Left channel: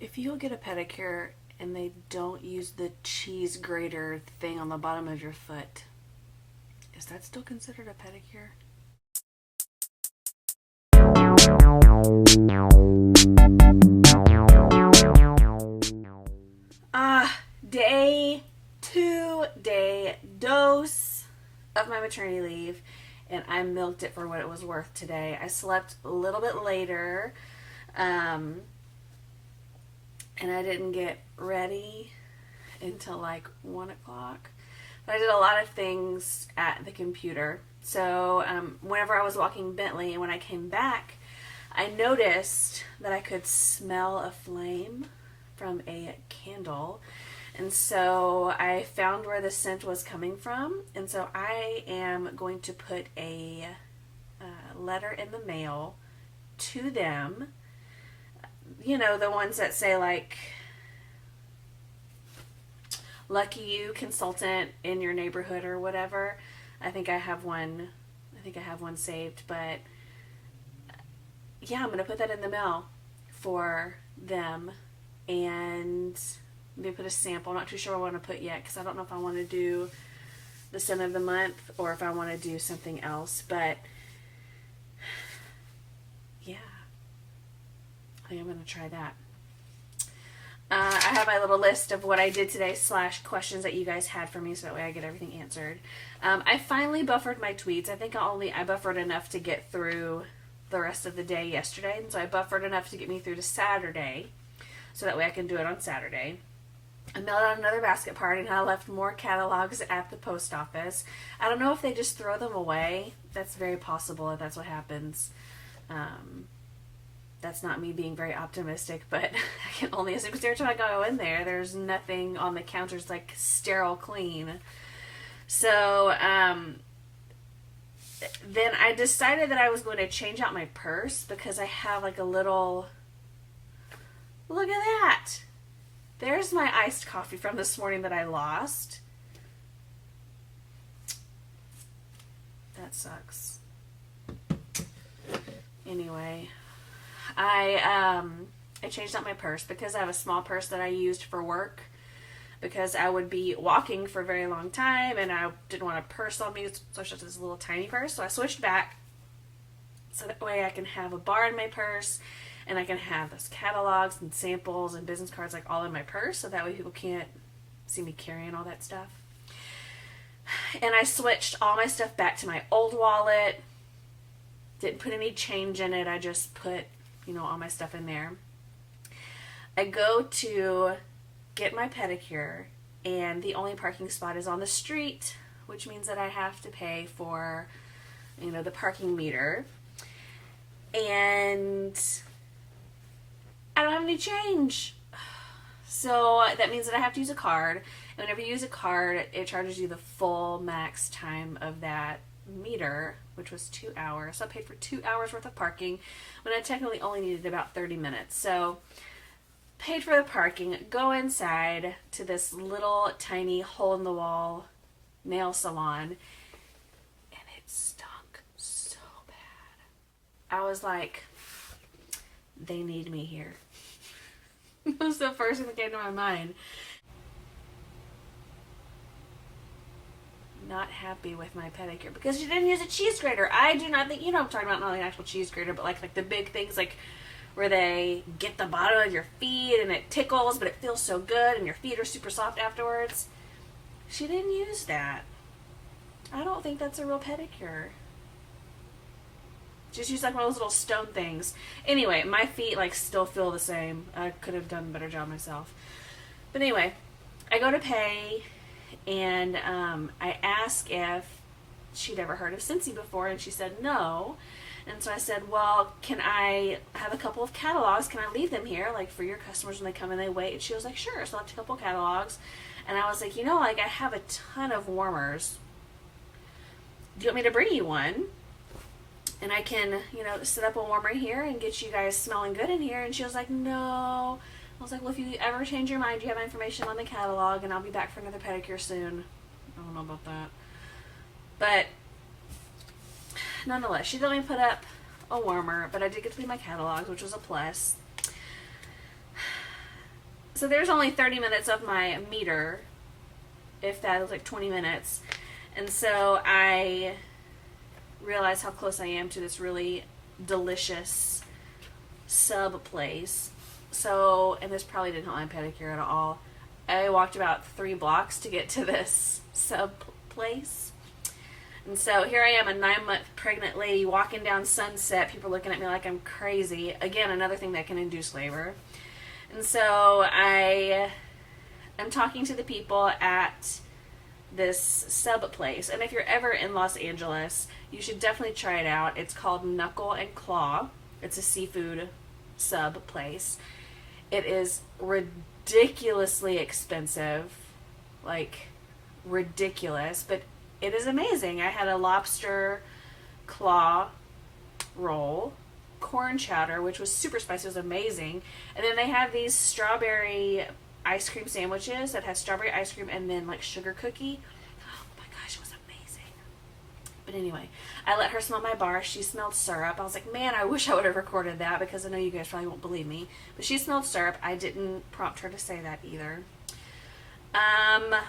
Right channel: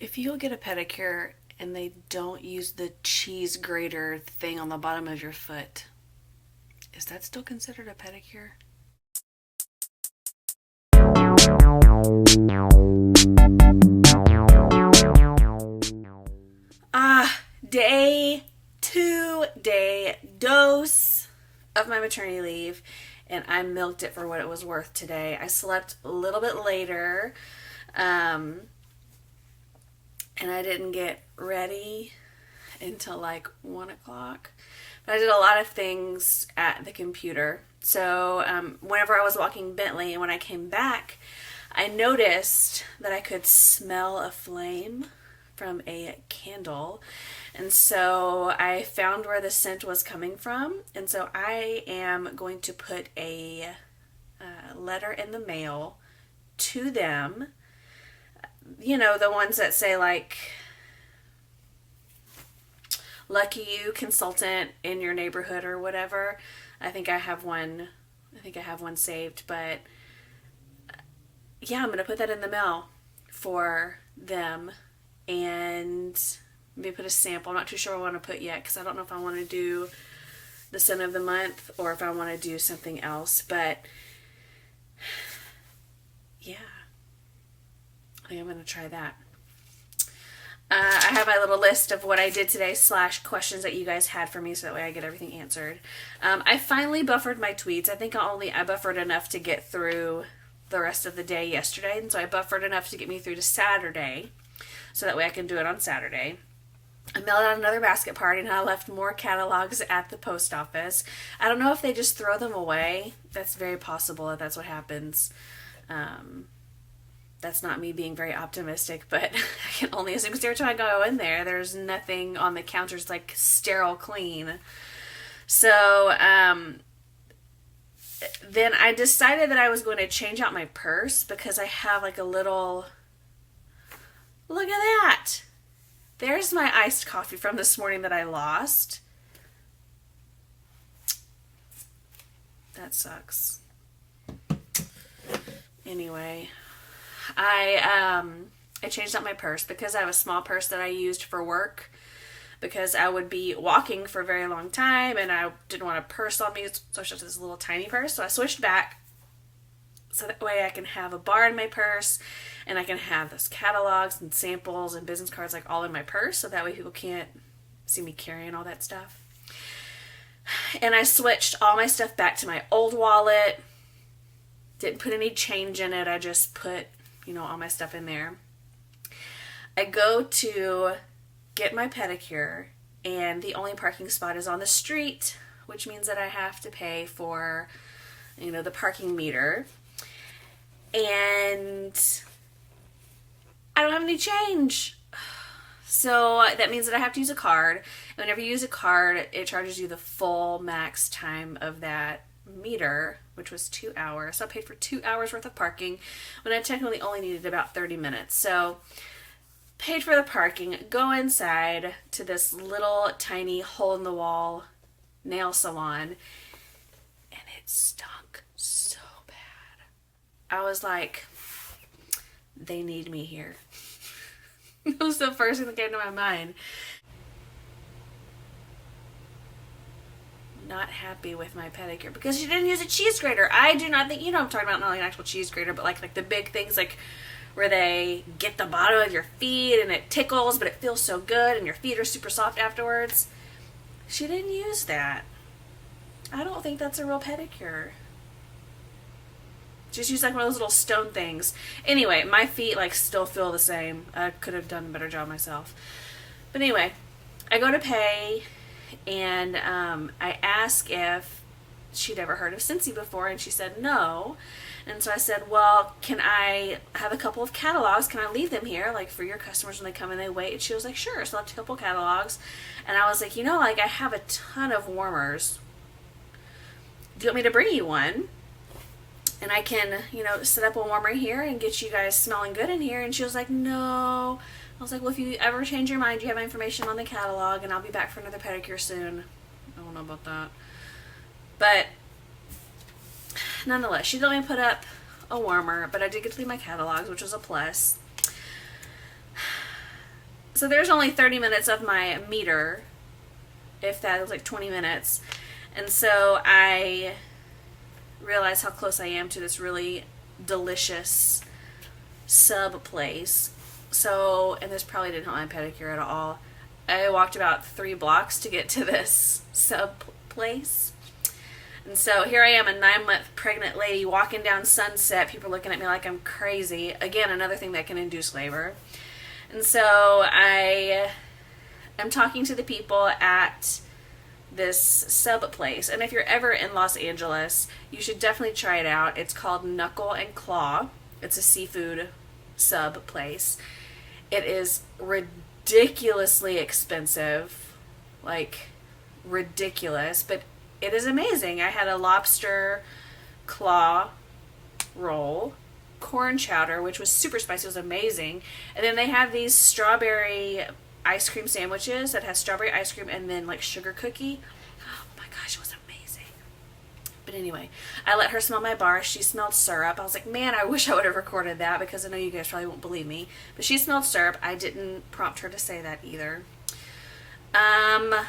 If you get a pedicure and they don't use the cheese grater thing on the bottom of your foot, is that still considered a pedicure? Day 2, day dose of my maternity leave, and I milked it for what it was worth today. I slept a little bit later, and I didn't get ready until like 1 o'clock. But I did a lot of things at the computer. So whenever I was walking Bentley and when I came back, I noticed that I could smell a flame from a candle. And so I found where the scent was coming from. And so I am going to put a letter in the mail to them. You know, the ones that say like, lucky you, consultant in your neighborhood or whatever. I think I have one saved, but yeah, I'm going to put that in the mail for them and maybe put a sample. I'm not too sure what I want to put yet because I don't know if I want to do the scent of the month or if I want to do something else, but yeah, I think I'm going to try that. I have my little list of what I did today / questions that you guys had for me so that way I get everything answered. I finally buffered my tweets. I think I buffered enough to get through the rest of the day yesterday, and so I buffered enough to get me through to Saturday so that way I can do it on Saturday. I mailed out another basket party and I left more catalogs at the post office. I don't know if they just throw them away. That's very possible if that's what happens. That's not me being very optimistic, but I can only assume because every time I go in there, there's nothing on the counters like sterile clean. So then I decided that I was going to change out my purse because I have like a little, look at that. There's my iced coffee from this morning that I lost. That sucks. Anyway, I changed out my purse because I have a small purse that I used for work because I would be walking for a very long time and I didn't want a purse on me, so I just this little tiny purse. So I switched back so that way I can have a bar in my purse and I can have those catalogs and samples and business cards like all in my purse so that way people can't see me carrying all that stuff. And I switched all my stuff back to my old wallet. Didn't put any change in it. I just put, all my stuff in there. I go to get my pedicure and the only parking spot is on the street, which means that I have to pay for, the parking meter. And I don't have any change. So that means that I have to use a card. And whenever you use a card, it charges you the full max time of that meter, which was 2 hours. So I paid for 2 hours worth of parking when I technically only needed about 30 minutes. So paid for the parking, go inside to this little tiny hole in the wall nail salon, and it stunk so bad. I was like, they need me here. That was the first thing that came to my mind. Not happy with my pedicure because she didn't use a cheese grater. I do not think, I'm talking about not like an actual cheese grater, but like the big things like where they get the bottom of your feet and it tickles, but it feels so good and your feet are super soft afterwards. She didn't use that. I don't think that's a real pedicure. Just use like one of those little stone things. Anyway, my feet like still feel the same. I could have done a better job myself. But anyway, I go to pay and I ask if she'd ever heard of Scentsy before, and she said no. And so I said, well, can I have a couple of catalogs? Can I leave them here, like for your customers when they come and they wait? And she was like, sure. So I left a couple of catalogs. And I was like, like I have a ton of warmers. Do you want me to bring you one? And I can, set up a warmer here and get you guys smelling good in here. And she was like, no. I was like, well, if you ever change your mind, you have my information on the catalog, and I'll be back for another pedicure soon. I don't know about that. But nonetheless, she didn't let me put up a warmer, but I did get to leave my catalogs, which was a plus. So there's only 30 minutes of my meter, if that was like 20 minutes. And so I realized how close I am to this really delicious sub place. So, and this probably didn't help my pedicure at all. I walked about 3 blocks to get to this sub place. And so here I am, a 9-month pregnant lady walking down Sunset. People looking at me like I'm crazy. Again, another thing that can induce labor. And so I am talking to the people at this sub place. And if you're ever in Los Angeles, you should definitely try it out. It's called Knuckle and Claw. It's a seafood sub place. It is ridiculously expensive. Like, ridiculous. But it is amazing. I had a lobster claw roll, corn chowder, which was super spicy. It was amazing. And then they have these strawberry ice cream sandwiches that has strawberry ice cream and then like sugar cookie. Oh my gosh, it was amazing. But anyway, I let her smell my bar. She smelled syrup. I was like, man, I wish I would have recorded that because I know you guys probably won't believe me. But she smelled syrup. I didn't prompt her to say that either. But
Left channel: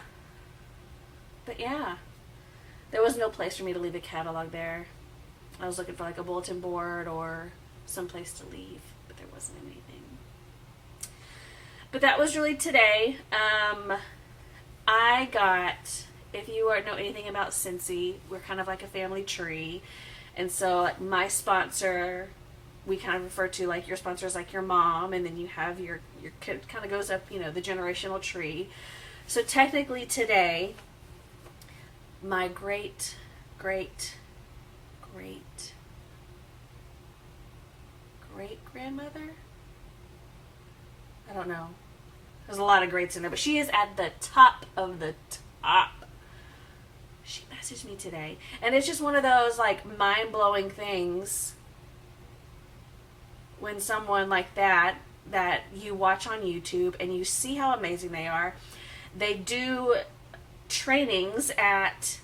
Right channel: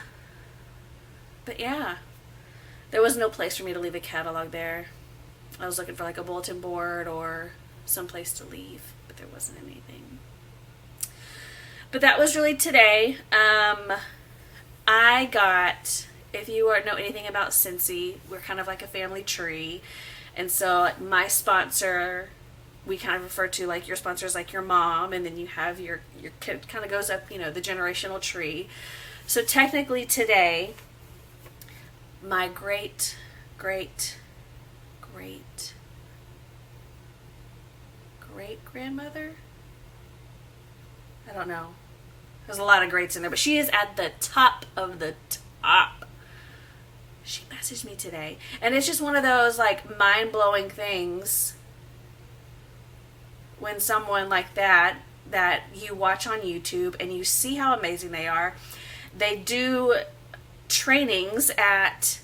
yeah, there was no place for me to leave a catalog there. I was looking for like a bulletin board or some place to leave, but there wasn't anything. But that was really today. I got, if you know anything about Scentsy, we're kind of like a family tree. And so my sponsor, we kind of refer to like your sponsor is like your mom, and then you have your kid kind of goes up, you know, the generational tree. So technically today, my great grandmother, I don't know, there's a lot of greats in there, but she is at the top of the top. She messaged me today, and it's just one of those like mind-blowing things when someone like that you watch on YouTube and you see how amazing they are. They do trainings at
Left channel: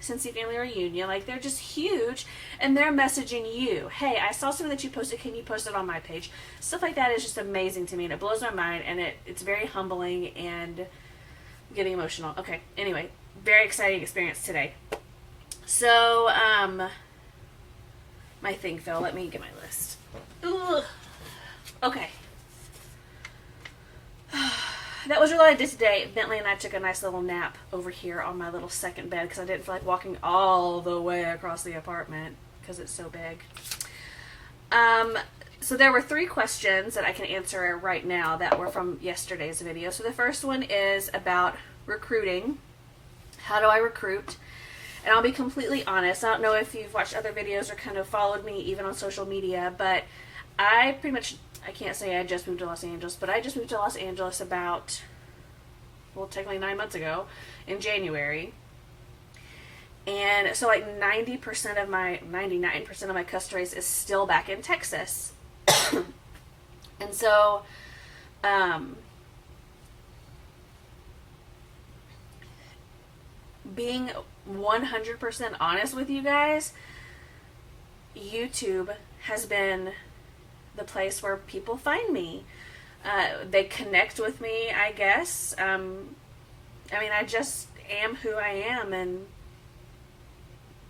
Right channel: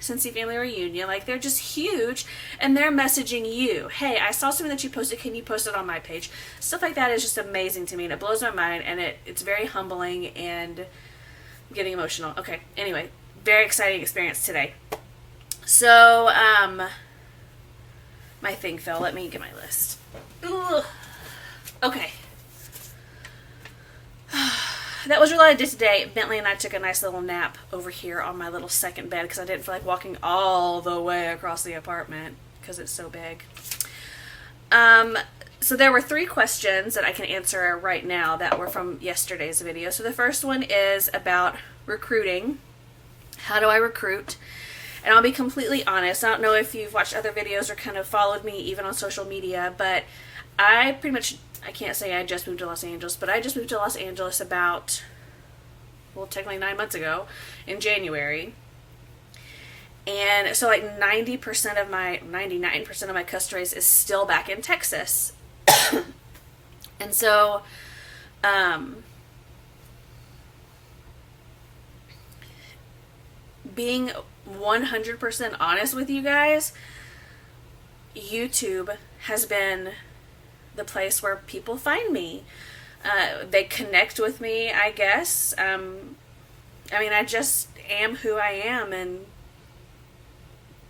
Scentsy Family Reunion, like they're just huge, and they're messaging you, hey, I saw something that you posted, can you post it on my page? Stuff like that is just amazing to me, and it blows my mind, and it's very humbling and getting emotional. Okay, anyway, very exciting experience today. So, my thing fell. Let me get my list. Ugh. Okay. That was really what I did today. Bentley and I took a nice little nap over here on my little second bed because I didn't feel like walking all the way across the apartment because it's so big. So there were 3 questions that I can answer right now that were from yesterday's video. So the first one is about recruiting. How do I recruit? And I'll be completely honest. I don't know if you've watched other videos or kind of followed me even on social media, but I pretty much, I can't say I just moved to Los Angeles, but I just moved to Los Angeles about, well, technically 9 months ago in January. And so like 99% of my customer base is still back in Texas. And so, being 100% honest with you guys, YouTube has been the place where people find me. They connect with me, I guess. I mean, I just am who I am, and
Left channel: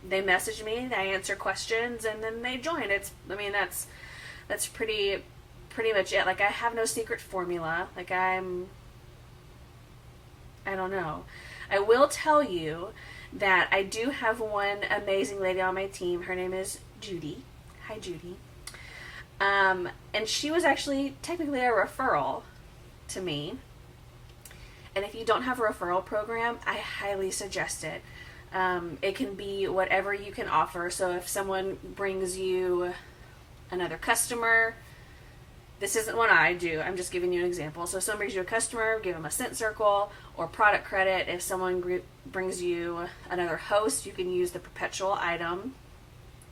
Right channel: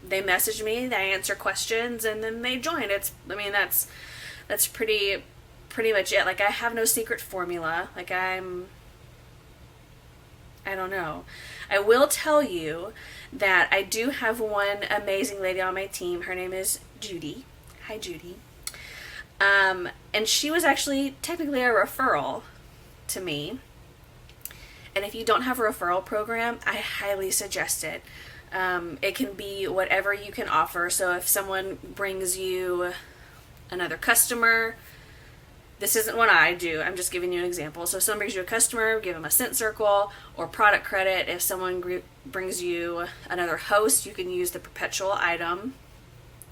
they message me, they answer questions, and then they join. That's pretty much it. Like, I have no secret formula. Like, I don't know. I will tell you that I do have one amazing lady on my team. Her name is Judy. Hi, Judy. And she was actually technically a referral to me. And if you don't have a referral program, I highly suggest it. It can be whatever you can offer. So if someone brings you another customer, this isn't what I do. I'm just giving you an example. So if someone brings you a customer, give them a scent circle or product credit. If someone brings you another host, you can use the perpetual item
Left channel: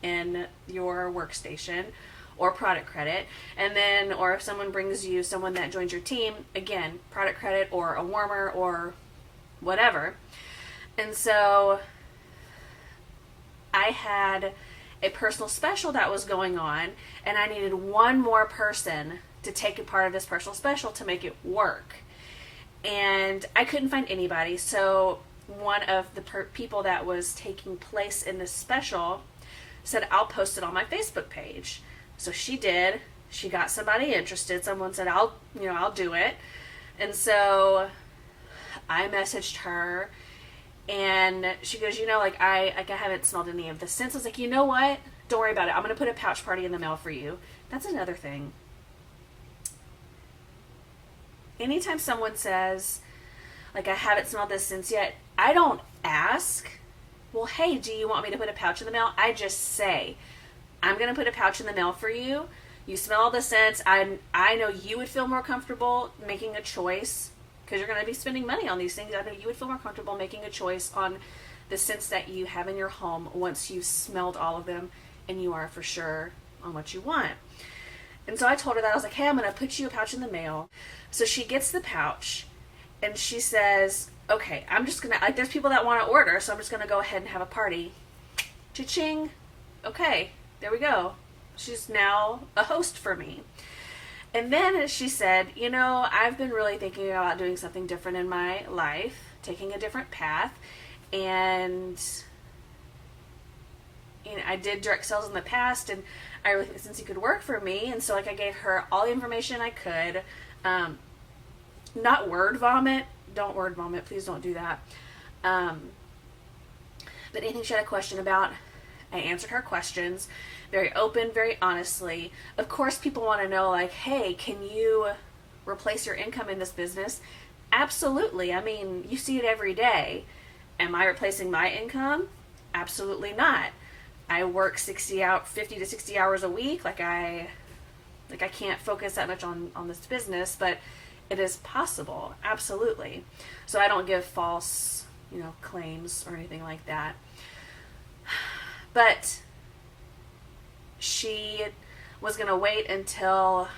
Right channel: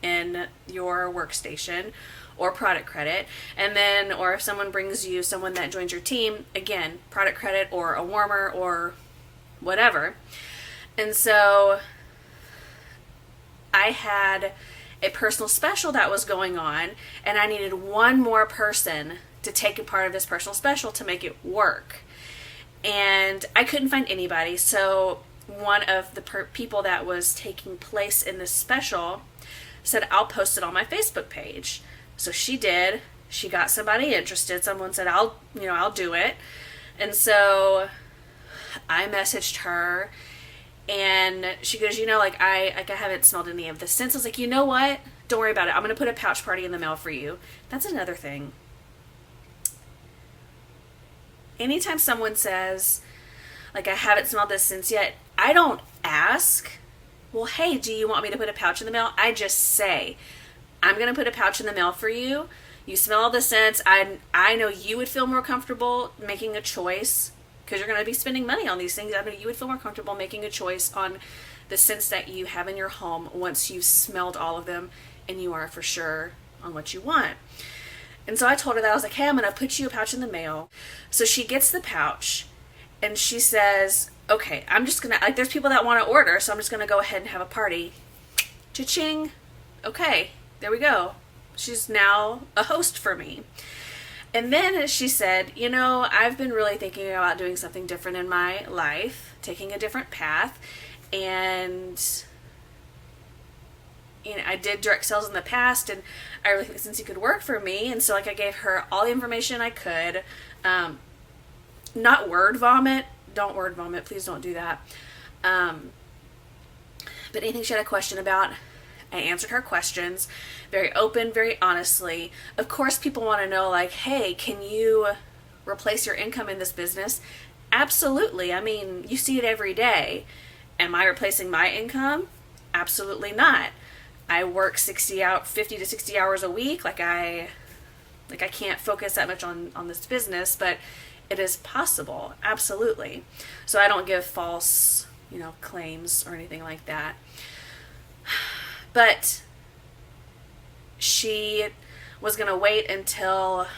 in your workstation or product credit. And then, or if someone brings you someone that joins your team, again, product credit or a warmer or whatever. And so I had a personal special that was going on, and I needed one more person to take a part of this personal special to make it work. And I couldn't find anybody. So one of the people that was taking place in this special said, I'll post it on my Facebook page. So she did. She got somebody interested. Someone said, I'll do it. And so I messaged her, and she goes, I haven't smelled any of the scents. I was like, you know what? Don't worry about it. I'm going to put a pouch party in the mail for you. That's another thing. Anytime someone says, I haven't smelled this scents yet, I don't ask, well, hey, do you want me to put a pouch in the mail? I just say, I'm going to put a pouch in the mail for you. You smell all the scents. I know you would feel more comfortable making a choice, because you're going to be spending money on these things. I know you would feel more comfortable making a choice on the scents that you have in your home once you've smelled all of them and you are for sure on what you want. And so I told her that. I was like, hey, I'm going to put you a pouch in the mail. So she gets the pouch and she says, okay, I'm just going to, there's people that want to order, so I'm just going to go ahead and have a party. Cha-ching. Okay, there we go. She's now a host for me. And then she said, I've been really thinking about doing something different in my life, taking a different path. And, I did direct sales in the past, and I really think Scentsy could work for me. And so, I gave her all the information I could. Not word vomit. Don't word vomit. Please don't do that. But anything she had a question about, I answered her questions very open, very honestly. Of course, people want to know, hey, can you replace your income in this business? Absolutely. I mean, you see it every day. Am I replacing my income? Absolutely not. I work 50 to 60 hours a week. I can't focus that much on this business, but it is possible. Absolutely. So I don't give false, claims or anything like that. But she was going to wait until,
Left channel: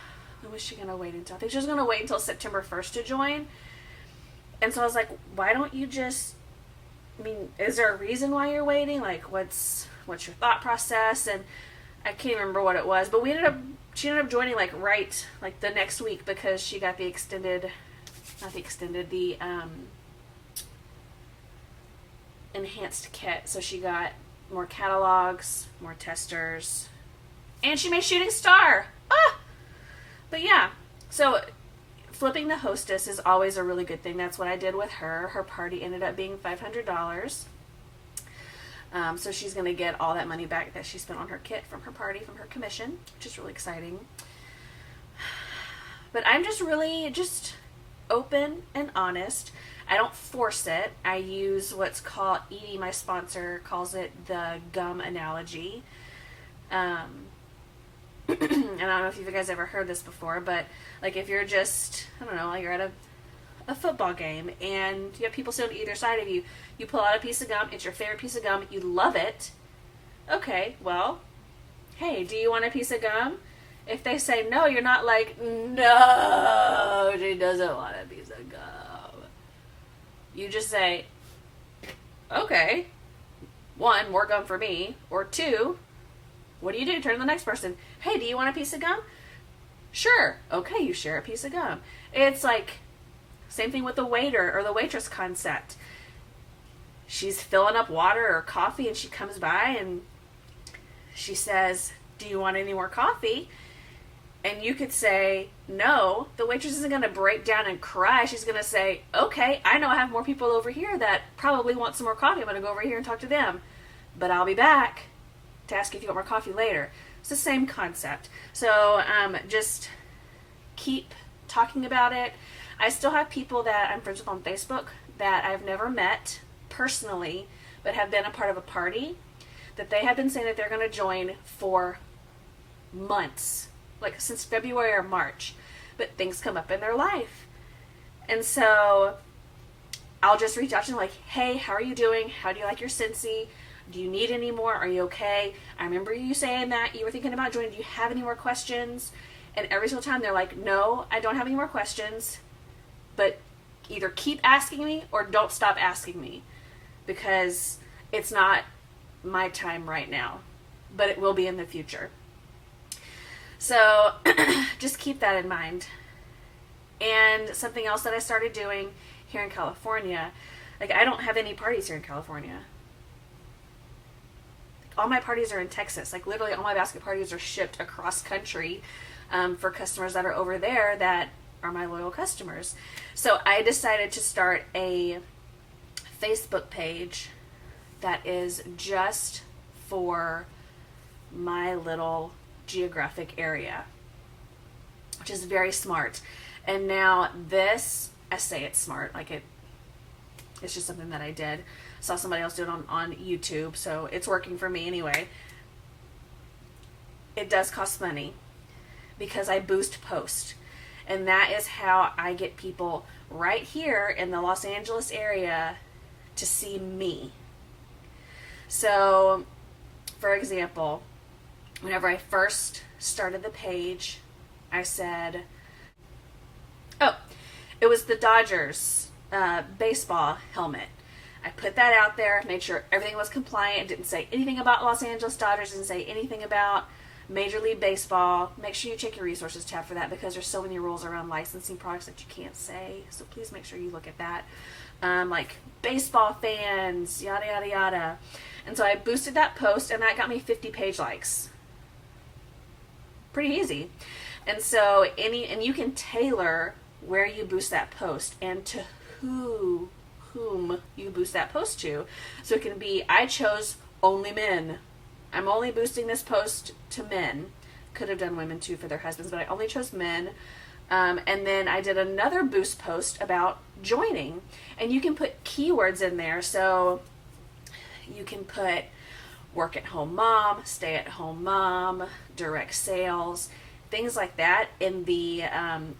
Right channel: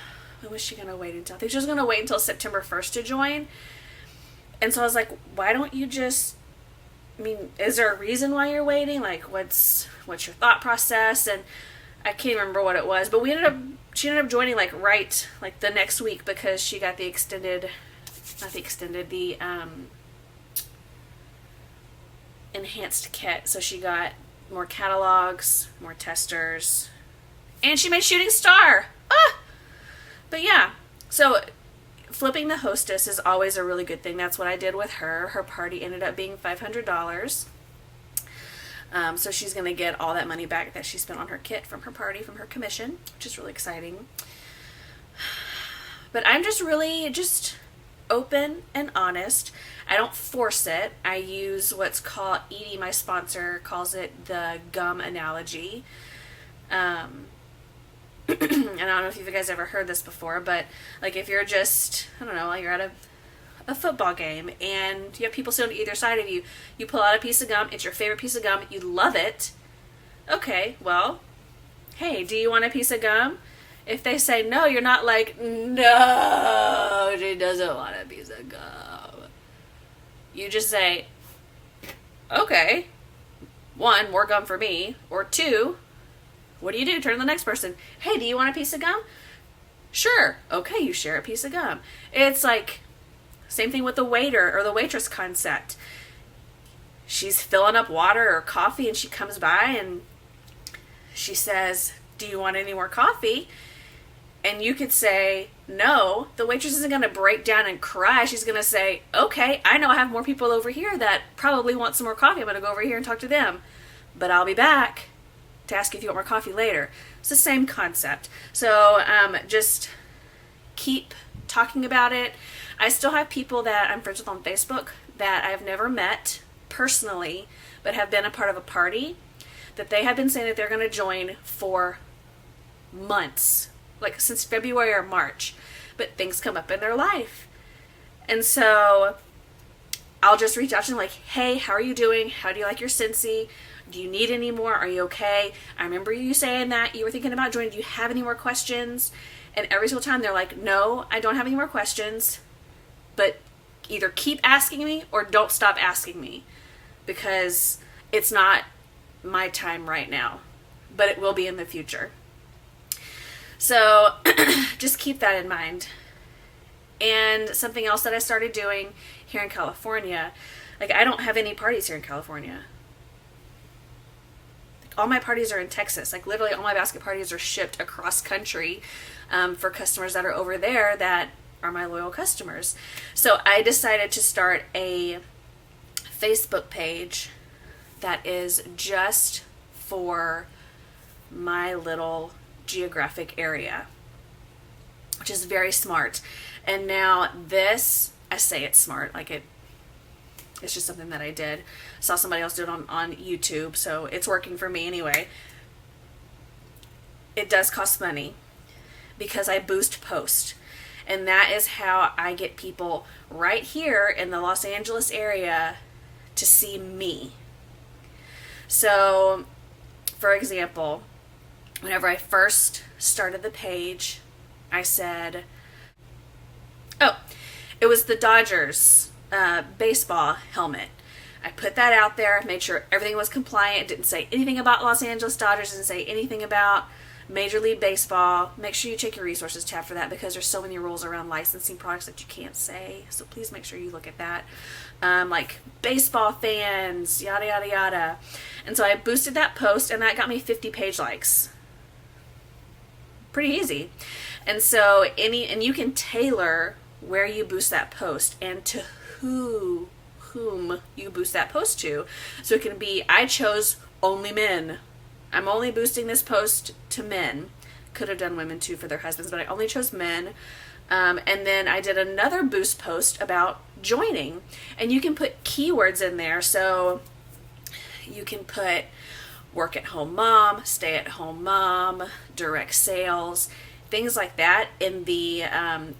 when was she going to wait until? I think she was going to wait until September 1st to join. And so I was like, why don't you just, is there a reason why you're waiting? What's your thought process? And I can't remember what it was, but she ended up joining right the next week, because she got the enhanced kit. So she got more catalogs, more testers, and she made Shooting Star. But yeah, so flipping the hostess is always a really good thing. That's what I did with her. Her party ended up being $500. So she's going to get all that money back that she spent on her kit from her party, from her commission, which is really exciting. But I'm just really open and honest. I don't force it. I use what's called, Edie, my sponsor, calls it the gum analogy. And I don't know if you guys ever heard this before, but if you're just, you're at a football game and you have people sitting on either side of you, you pull out a piece of gum, it's your favorite piece of gum, you love it. Okay, well, hey, do you want a piece of gum? If they say no, you're not no, she doesn't want a piece of gum. You just say, okay, 1, more gum for me, or 2, what do? Turn to the next person. Hey, do you want a piece of gum? Sure. Okay, you share a piece of gum. It's same thing with the waiter or the waitress concept. She's filling up water or coffee and she comes by and she says, do you want any more coffee? And you could say, no. The waitress isn't going to break down and cry. She's going to say, okay, I know I have more people over here that probably want some more coffee. I'm going to go over here and talk to them. But I'll be back to ask if you want more coffee later. It's the same concept. So just keep talking about it. I still have people that I'm friends with on Facebook that I've never met personally, but have been a part of a party, that they have been saying that they're going to join for months, since February or March, but things come up in their life. And so I'll just reach out to them hey, how are you doing? How do you like your Scentsy? Do you need any more? Are you okay? I remember you saying that you were thinking about joining. Do you have any more questions? And every single time they're like, no, I don't have any more questions, but either keep asking me or don't stop asking me, because it's not my time right now, but it will be in the future. So just keep that in mind. And something else that I started doing here in California, like I don't have any parties here in California. Like, all my parties are in Texas. Like literally all my basket parties are shipped across country for customers that are over there that are my loyal customers. So I decided to start a Facebook page that is just for my little geographic area, which is very smart. And now this, I say it's smart, like it's just something that I did. I saw somebody else do it on YouTube, so it's working for me anyway. It does cost money because I boost post. And that is how I get people right here in the Los Angeles area to see me. So, for example, whenever I first started the page, I said, oh, it was the Dodgers baseball helmet. I put that out there, made sure everything was compliant, didn't say anything about Los Angeles Dodgers, didn't say anything about Major League Baseball. Make sure you check your resources tab for that because there's so many rules around licensing products that you can't say. So please make sure you look at that. Like baseball fans, yada, yada, yada. And so I boosted that post and that got me 50 page likes. Pretty easy. And so and you can tailor where you boost that post and to whom you boost that post to. So it can be, I chose only men. I'm only boosting this post to men. Could have done women too for their husbands, but I only chose men. And then I did another boost post about joining. And you can put keywords in there. So you can put work at home mom, stay at home mom, direct sales, things like that in the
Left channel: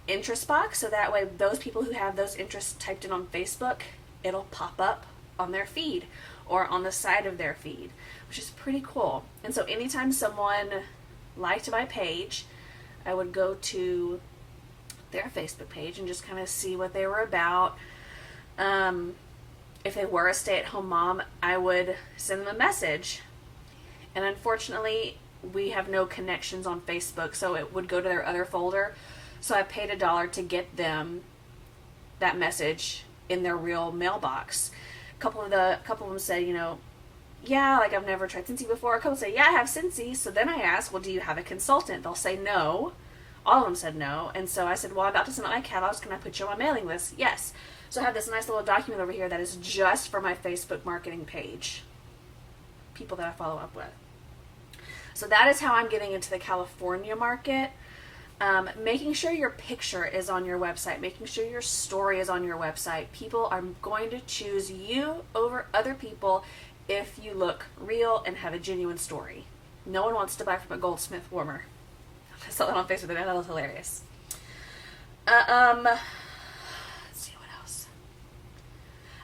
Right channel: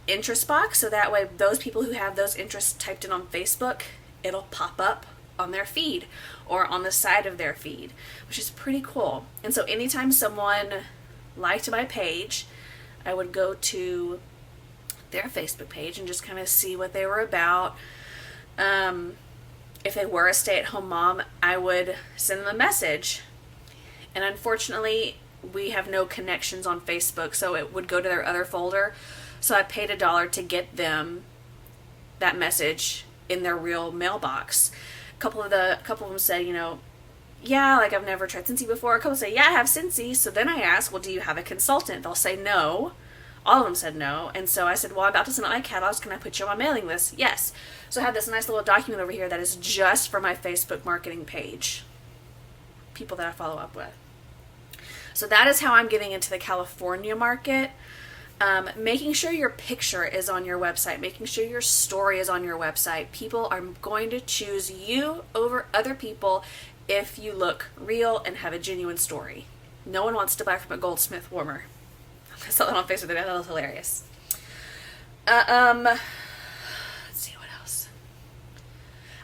interest box. So that way those people who have those interests typed in on Facebook, it'll pop up on their feed or on the side of their feed, which is pretty cool. And so anytime someone liked my page, I would go to their Facebook page and just kind of see what they were about. If they were a stay-at-home mom, I would send them a message. And unfortunately, we have no connections on Facebook, so it would go to their other folder. So I paid $1 to get them that message in their real mailbox. A couple of them said, yeah, like I've never tried Scentsy before. A couple say, yeah, I have Scentsy. So then I asked, well, do you have a consultant? They'll say no. All of them said no. And so I said, well, I'm about to send out my catalogs. Can I put you on my mailing list? Yes. So I have this nice little document over here that is just for my Facebook marketing page. People that I follow up with. So that is how I'm getting into the California market. Making sure your picture is on your website, making sure your story is on your website. People are going to choose you over other people if you look real and have a genuine story. No one wants to buy from a Goldsmith warmer. I saw that on Facebook today. That was hilarious. Let's see what else.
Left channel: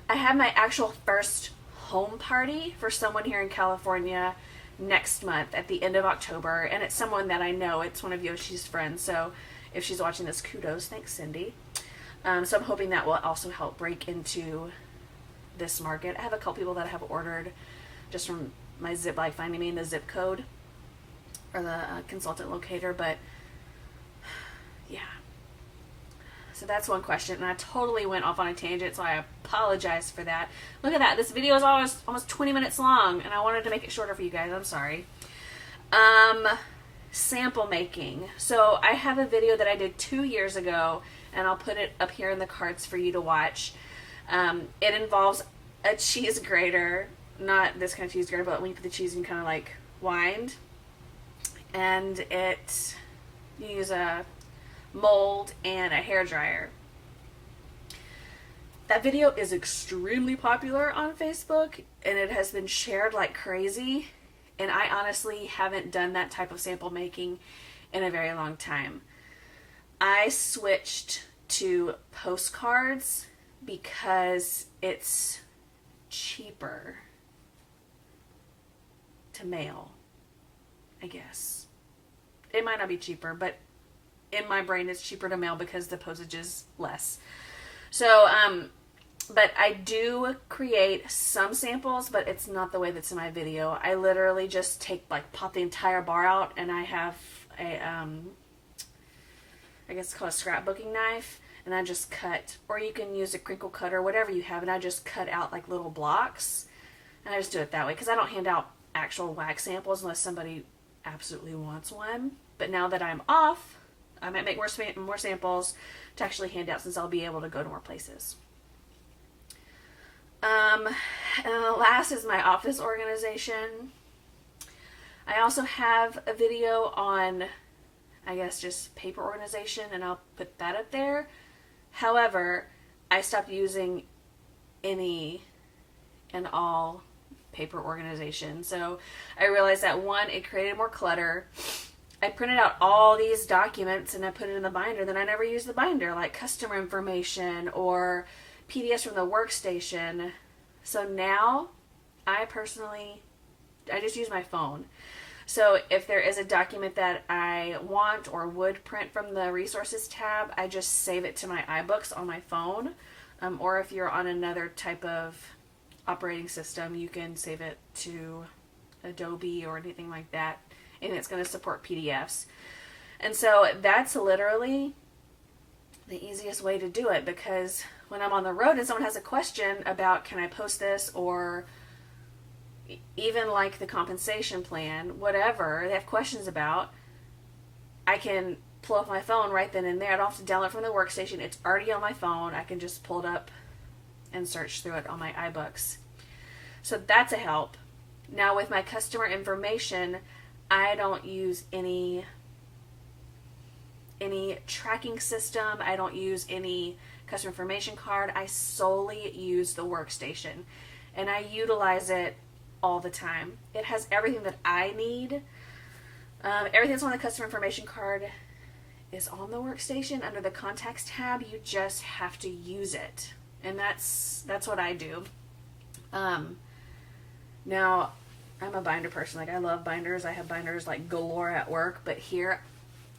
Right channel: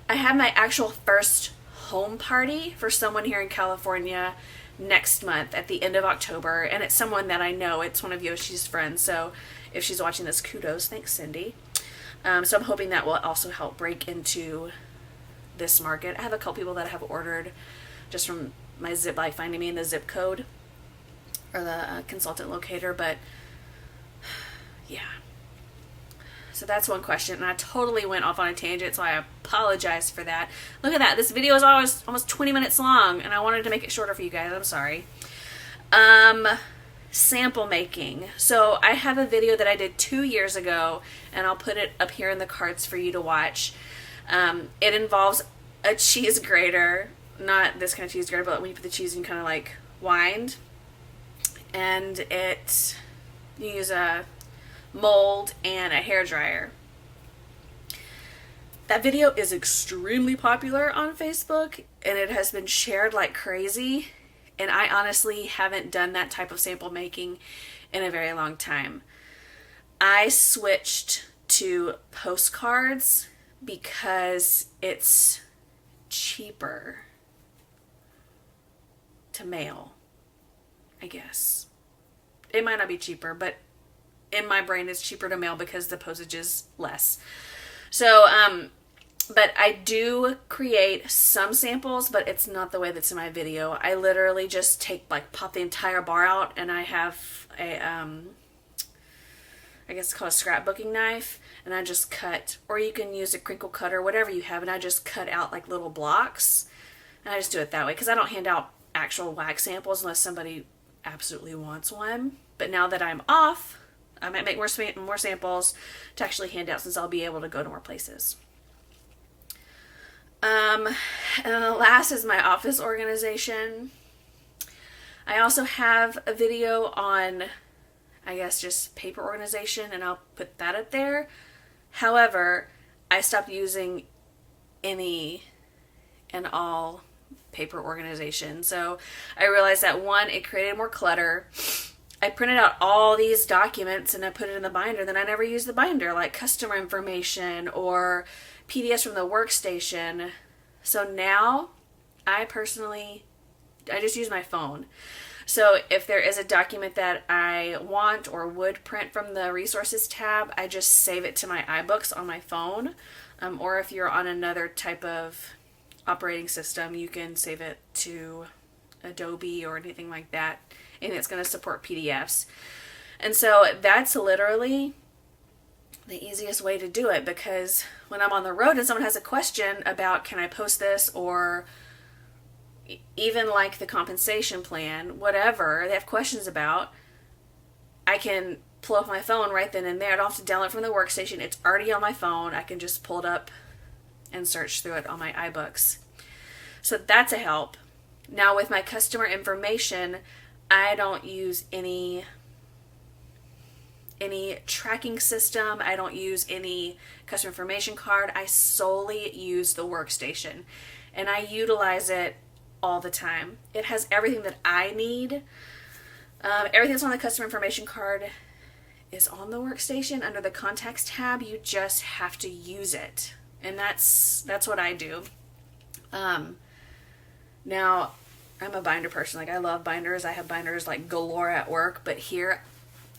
I have my actual first home party for someone here in California next month at the end of October, and it's someone that I know. It's one of Yoshi's friends, so if she's watching this, kudos. Thanks, Cindy. So I'm hoping that will also help break into this market. I have a couple people that have ordered just from my zip, like finding me in the zip code or the consultant locator, but yeah. So that's one question, and I totally went off on a tangent, so I apologize for that. Look at that. This video is almost 20 minutes long, and I wanted to make it shorter for you guys. I'm sorry. Sample making. So I have a video that I did 2 years ago, and I'll put it up here in the cards for you to watch. It involves a cheese grater, not this kind of cheese grater, but when you put the cheese in, kind of like wind, and you use a mold and a hairdryer. That video is extremely popular on Facebook, and it has been shared like crazy, and I honestly haven't done that type of sample making in a very long time. I switched to postcards because it's cheaper to mail, I guess. It might not be cheaper, but in my brain it's cheaper to mail because the postage is less. So, but I do create some samples, but it's not the way that's in my video. I literally just pop the entire bar out, and I have a, I guess it's called a scrapbooking knife, and I just cut, or you can use a crinkle cutter, whatever you have, and I just cut out like little blocks, and I just do it that way, because I don't hand out actual wax samples unless somebody absolutely wants one. But now that I'm off, I might make more samples to actually hand out, since I'll be able to go to more places. And then the last is my office organization. I also have a video on, I guess, just paper organization, and I'll put that up there. However, I stopped using any and all paper organization. So I realized that, one, it created more clutter. I printed out all these documents and I put it in the binder. Then I never used the binder, like customer information or PDFs from the workstation. So now I just use my phone. So if there is a document that I want or would print from the resources tab, I just save it to my iBooks on my phone. Or if you're on another type of operating system, you can save it to Adobe or anything like that. And it's going to support PDFs. And so that's literally the easiest way to do it, because when I'm on the road and someone has a question about, can I post this, or even like the compensation plan, whatever they have questions about, I can pull up my phone right then and there. I don't have to download it from the workstation. It's already on my phone. I can just pull it up and search through it on my iBooks. So that's a help. Now with my customer information, I don't use any tracking system. I don't use any customer information card. I solely use the workstation, and I utilize it all the time. It has everything that I need. Everything that's on the customer information card is on the workstation under the contacts tab. You just have to use it, and that's what I do. Now, I'm a binder person. Like, I love binders. I have binders like galore at work, but here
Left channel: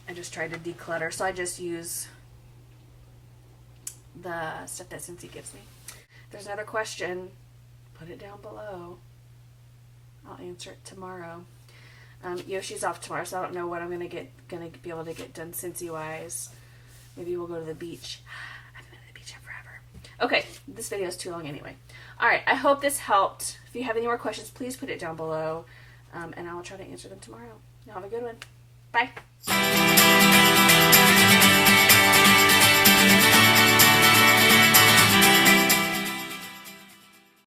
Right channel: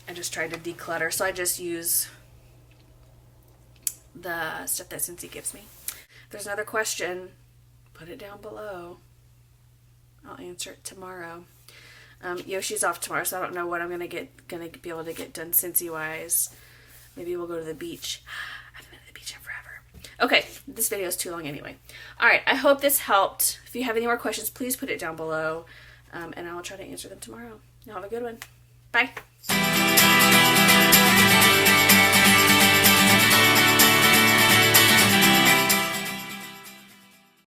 I just tried to declutter, so I just use the stuff that Scentsy gives me. If there's another question, put it down below. I'll answer it tomorrow. Yoshi's off tomorrow, so I don't know what I'm gonna be able to get done Scentsy wise. Maybe we'll go to the beach. I haven't been to the beach in forever. Okay, this video is too long anyway. Alright, I hope this helped. If you have any more questions, please put it down below, and I will try to answer them tomorrow. Y'all have a good one. Bye.